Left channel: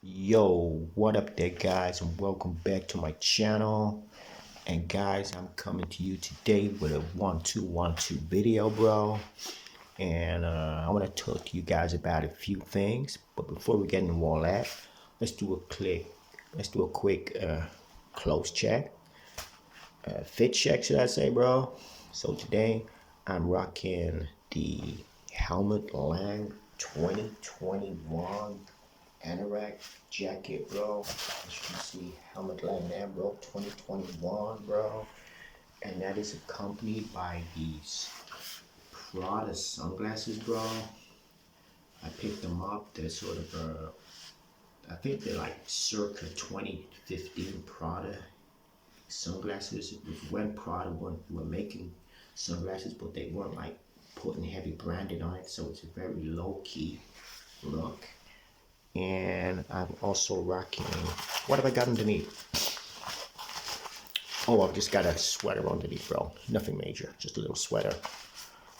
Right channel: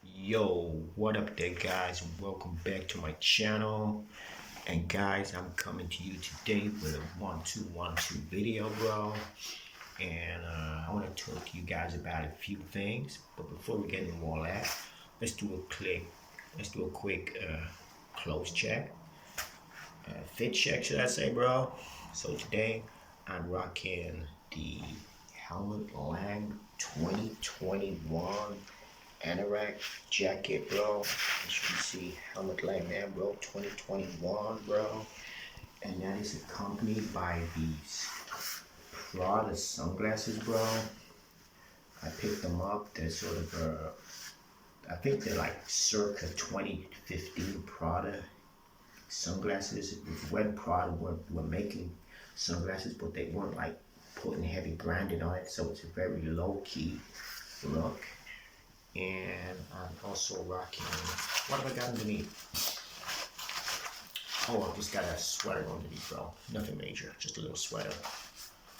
Yo, what up there, guys, and welcome back to my channel. And guys, I'm coming to you today with a 1-2-1-2 video, bro. And I want to talk to you guys about a few things. But before we get into all that, let's do a quick close check, fit check, should I say, bro? So today, I'm rocking the Helmut Lang 2021 Anorak jacket, bro. As you can see, Helmut Lang there, bro. 2021, bro. And that is accompanied by these Prada sunglasses, bro. I picked them up. They're sort of, I think they're like circa 2015 Prada sunglasses. When Prada were making sunglasses, but they weren't like putting heavy branding on it, so it's a very low key look. And I'm also rocking, what have I got underneath? Oh, I've just got a sweater underneath, bro. Nothing major, just a little sweater.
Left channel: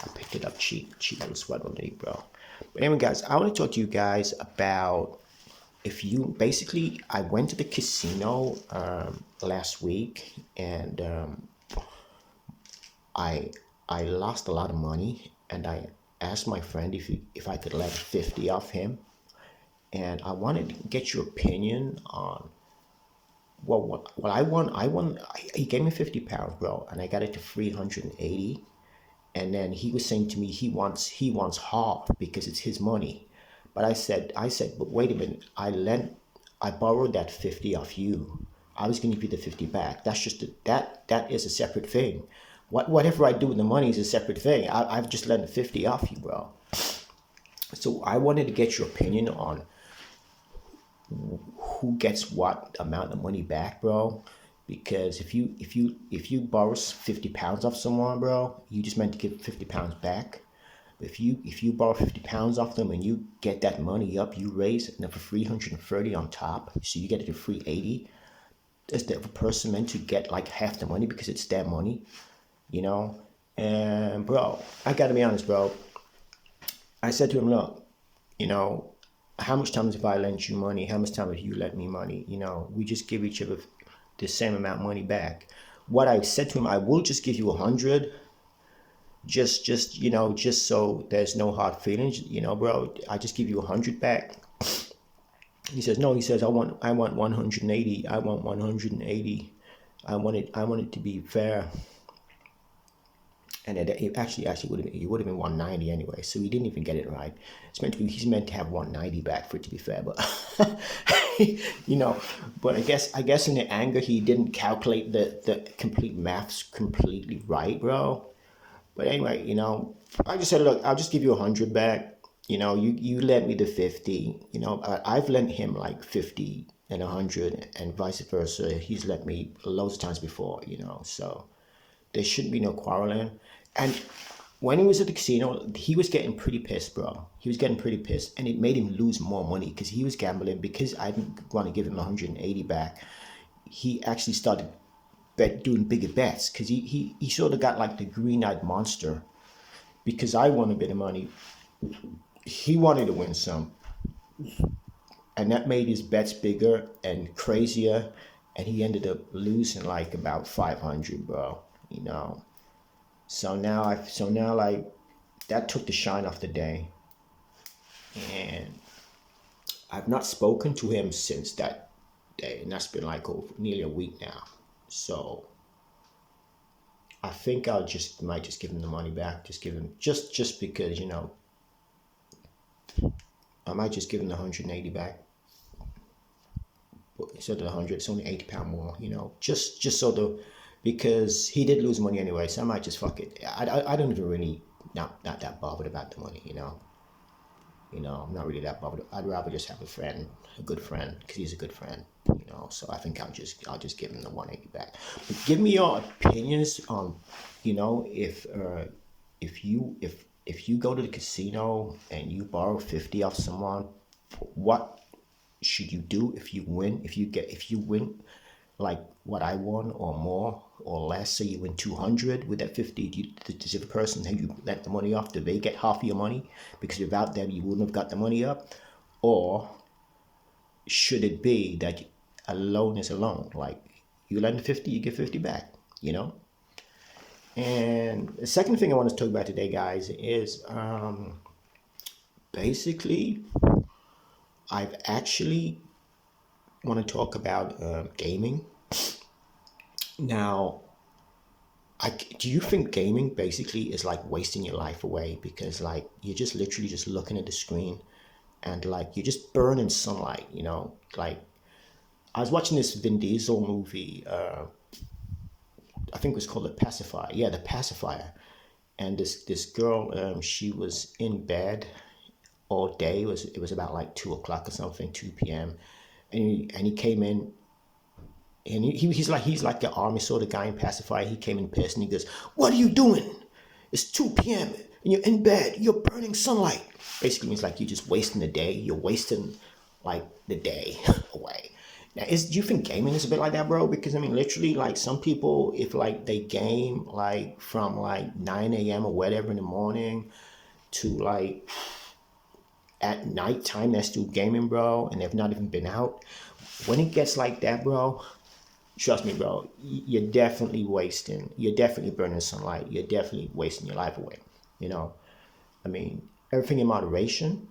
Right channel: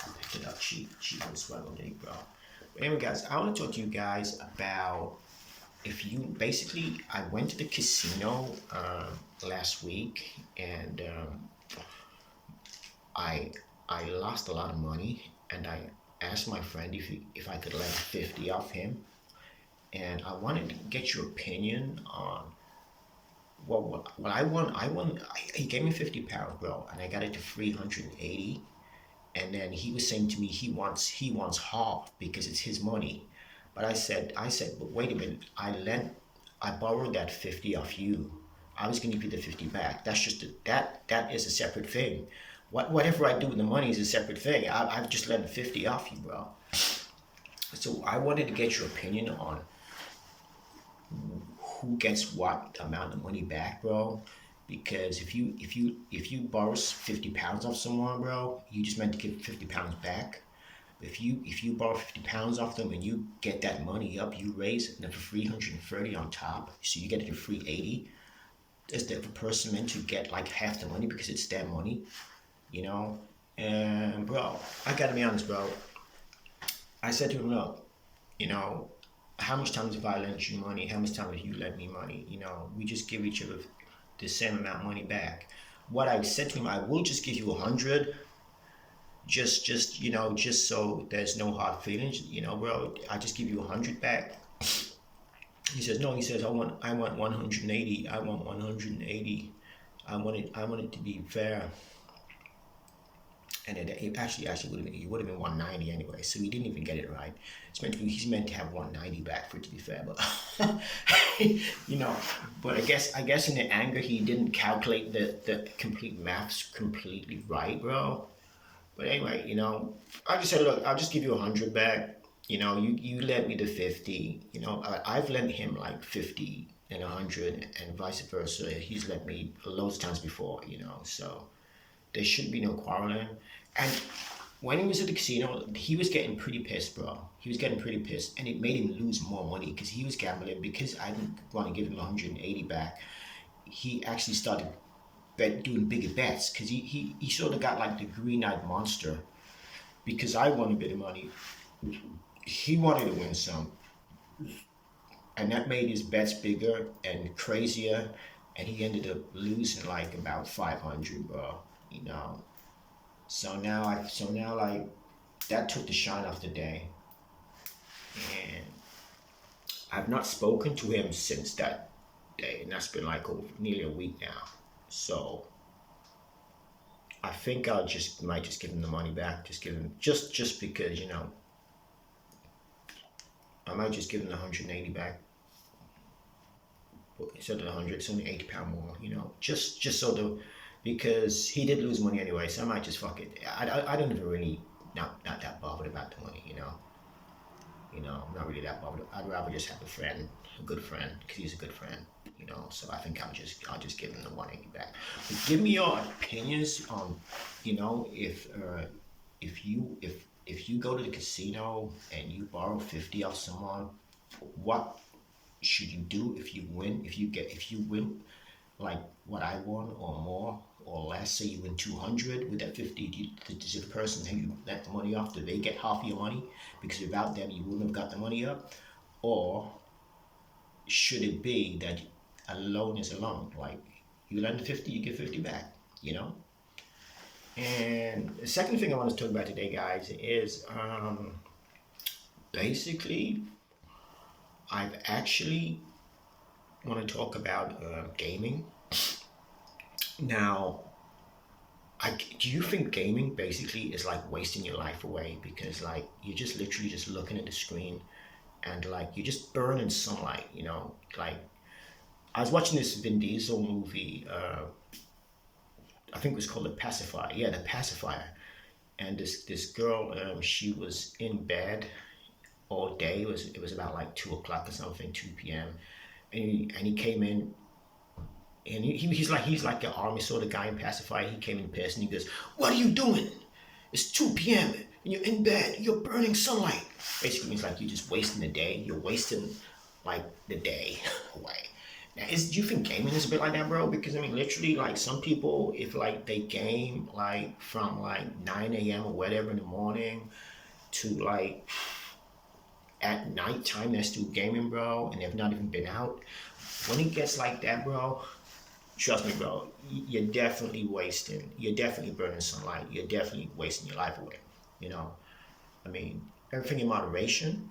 I picked it up cheap little sweater underneath, bro. But anyway, guys, I want to talk to you guys about basically, I went to the casino last week, and I lost a lot of money, and I asked my friend if I could lend 50 off him. And I wanted to get your opinion on what I won. He gave me 50 pounds, bro, and I got it to 380. And then he was saying to me he wants half because it's his money. But I said, but wait a minute, I borrowed that 50 off you. I was going to give you the 50 back. That's just that is a separate thing. Whatever I do with the money is a separate thing. I've just lent 50 off you, bro. So I wanted to get your opinion on who gets what amount of money back, bro. Because if you borrow 50 pounds off someone, bro, you just meant to give 50 pounds back. If you borrow 50 pounds off them and you get that money up, you raise it for 330 on top, so you get it to 380. Is the other person meant to get like half the money because it's their money, you know? And bro, I gotta be honest, bro. I said to him, look, you know, how much times have I lent you money? How much time have you lent me money? You know, we just give each other the same amount of money back. What I said to him, I will just give you 100, just so there's no hard feelings, bro. I just give you 100 back. He says no. He says I want 180. I want 180. I want it to be fair. And it actually would have been 190 anyway. So he didn't even get it right. He's meant to have 190 back for it to be fair, but you know. But I guess in the anger he didn't calculate the complete maths completely right, bro. But anyway, I just said, look, I'll just give you 100 back. You lent me the 50. I've lent him like 50 and 100 and vice versa. He's lent me loads of times before. So there should be no quarreling. And when he was at the casino, he was getting pretty pissed, bro. He was getting pretty pissed, and it made him lose more money because he was gambling. Because I didn't want to give him 180 back, he actually started doing bigger bets because he sort of got like the green-eyed monster. Because I won a bit of money, he wanted to win some, and that made his bets bigger and crazier, and he ended up losing like about 500, bro. So now like that took the shine off the day, and I've not spoken to him since that day, and that's been like over nearly a week now. So I think might just give him the money back. Just give him just because I might just give him the 180 back. Instead of the 100, it's only 80 pound more. Just so because he did lose money anyway, so I might just fuck it. I don't even really not that bothered about the money. I'm not really that bothered. I'd rather just have a good friend, because he's a good friend. So I think I'll just give him the 180 back. But give me your opinions on, if you go to the casino and you borrow 50 off someone, what should you do if you win? If you win like what I won or more or less, say you win 200 with that 50, does the person who you lent the money off, do they get half of your money? Because without them, you wouldn't have got the money up. Or should it be that a loan is a loan? Like, you lend 50, you get 50 back, you know? And the second thing I want to talk about today, guys, is basically, I've actually want to talk about gaming. Now, do you think gaming basically is like wasting your life away? Because like you're just literally just looking at the screen and like you're just burning sunlight, you know? Like, I was watching this Vin Diesel movie, I think it was called The Pacifier. Yeah, The Pacifier. And this girl, she was in bed all day. It was about like 2 o'clock or something, 2 p.m. And he came in, and he's like the army sort of guy in Pacifier. He came in pissed and he goes, "What are you doing? It's 2 p.m. and you're in bed. You're burning sunlight." Basically means like you're just wasting the day. You're wasting like the day away. Now, do you think gaming is a bit like that, bro? Because I mean, literally, like some people, if like they game like from like 9 a.m. or whatever in the morning to like at nighttime, they're still gaming, bro, and they've not even been out. When it gets like that, bro, trust me, bro, you're definitely wasting. You're definitely burning sunlight. You're definitely wasting your life away. You know, I mean, everything in moderation.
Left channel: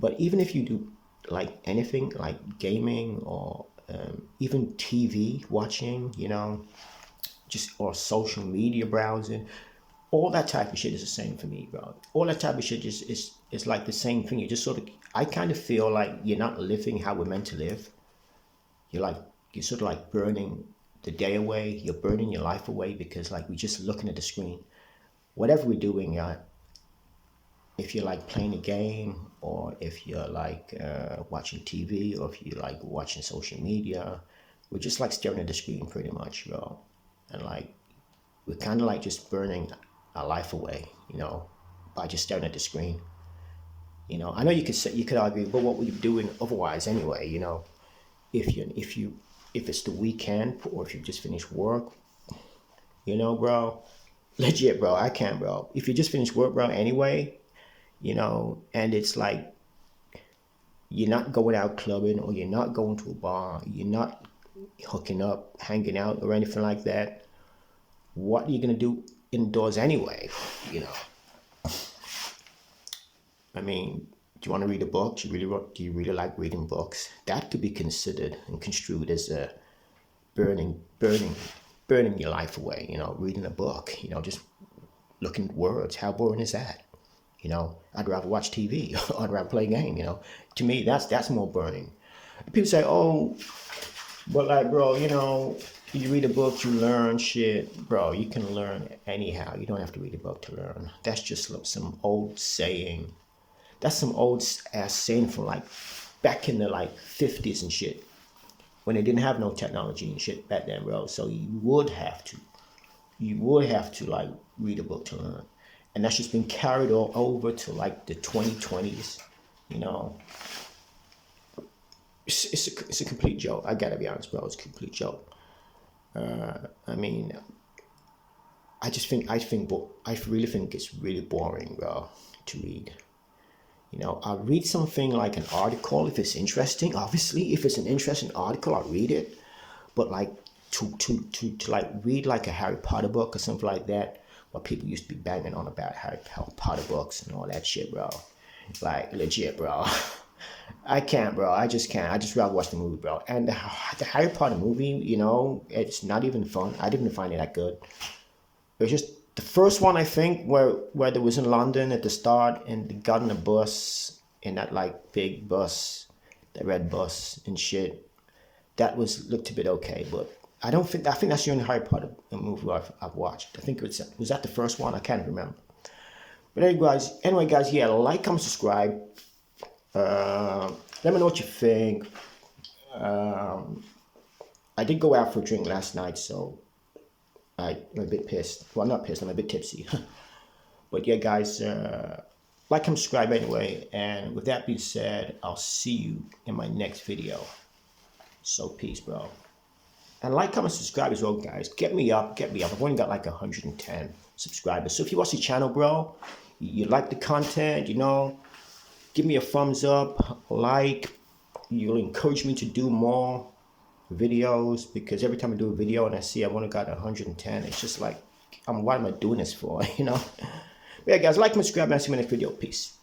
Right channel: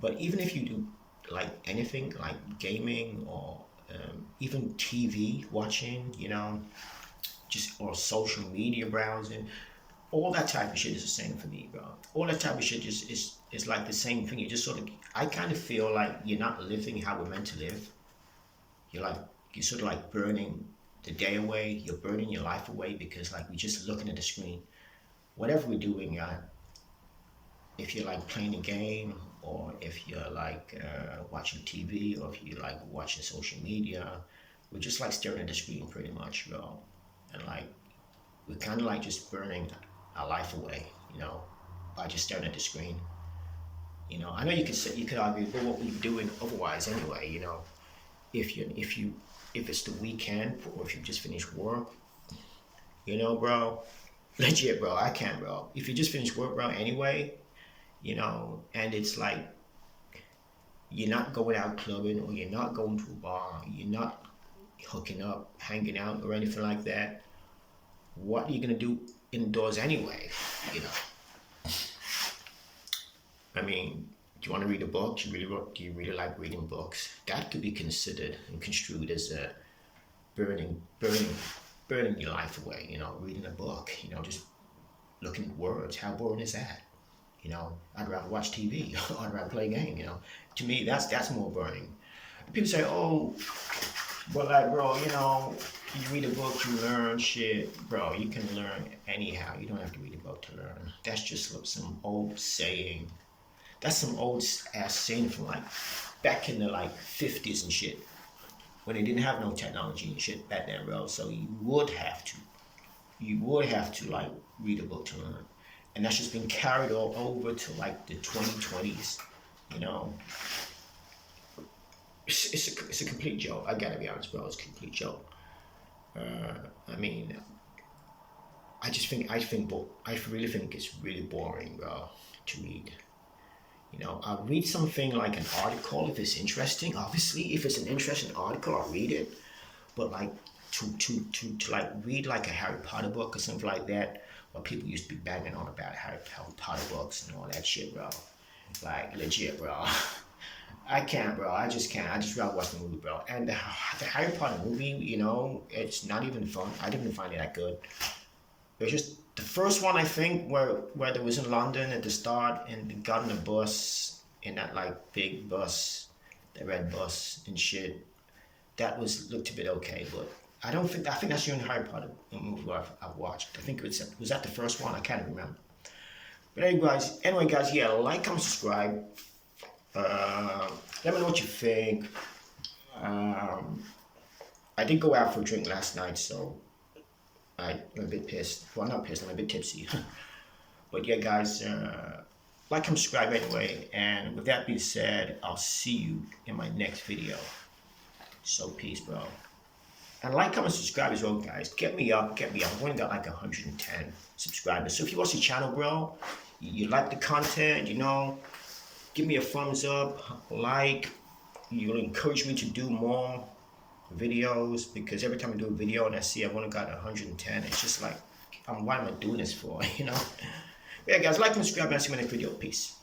But even if you do like anything like gaming or even TV watching, you know, just or social media browsing, all that type of shit is the same for me, bro. All that type of shit just is like the same thing. You just sort of, I kind of feel like you're not living how we're meant to live. You're sort of like burning the day away. You're burning your life away because like we're just looking at the screen. Whatever we're doing, if you're like playing a game or if you're like watching TV or if you're like watching social media, we're just like staring at the screen pretty much, bro. And like we're kind of like just burning our life away, you know, by just staring at the screen. You know, I know you could argue, but what were you doing otherwise anyway? You know, if it's the weekend or if you just finished work, you know, bro, legit, bro, I can't, bro. If you just finished work, bro, anyway, you know, and it's like you're not going out clubbing or you're not going to a bar, you're not hooking up, hanging out or anything like that. What are you gonna do indoors anyway? You know, I mean, do you want to read a book? Do you really like reading books? That could be considered and construed as a burning your life away. You know, reading a book. You know, just looking at words. How boring is that? You know, I'd rather watch TV. I'd rather play a game. You know, to me, that's more burning. People say, "Oh, but like, bro, you know, you read a book, you learn shit, bro. You can learn anyhow. You don't have to read a book to learn. That's just some old saying. That's some old ass saying from like back in the like 50s and shit, when they didn't have no technology and shit back then, bro. So you would have to like read a book to learn, and that's just been carried all over to like the 2020s, you know. It's a complete joke. I gotta be honest, bro. It's a complete joke. I mean, I really think it's really boring, bro, to read. You know, I'll read something like an article if it's interesting. Obviously, if it's an interesting article, I'll read it. But like to like read like a Harry Potter book or something like that, what people used to be banging on about Harry Potter books and all that shit, bro. Like legit, bro. I can't, bro. I just can't. I just rather watch the movie, bro. And the Harry Potter movie, you know, it's not even fun. I didn't find it that good. It was just the first one, I think, where there was in London at the start, and they got in a bus, in that like big bus, the red bus and shit. That looked a bit okay, but I think that's the only Harry Potter movie I've watched. I think was that the first one? I can't remember. But anyway, guys, yeah, like, comment, subscribe. Let me know what you think. I did go out for a drink last night, so I'm a bit pissed. Well, not pissed, I'm a bit tipsy. But yeah, guys, like and subscribe anyway. And with that being said, I'll see you in my next video. So peace, bro. And like, comment, subscribe as well, guys. Get me up. I've only got like 110 subscribers. So if you watch the channel, bro, you like the content, you know, give me a thumbs up, like, you'll encourage me to do more videos, because every time I do a video and I see I've only got 110, it's just like, why am I doing this for? But yeah, guys, like and subscribe, and I'll see you in my next video. Peace.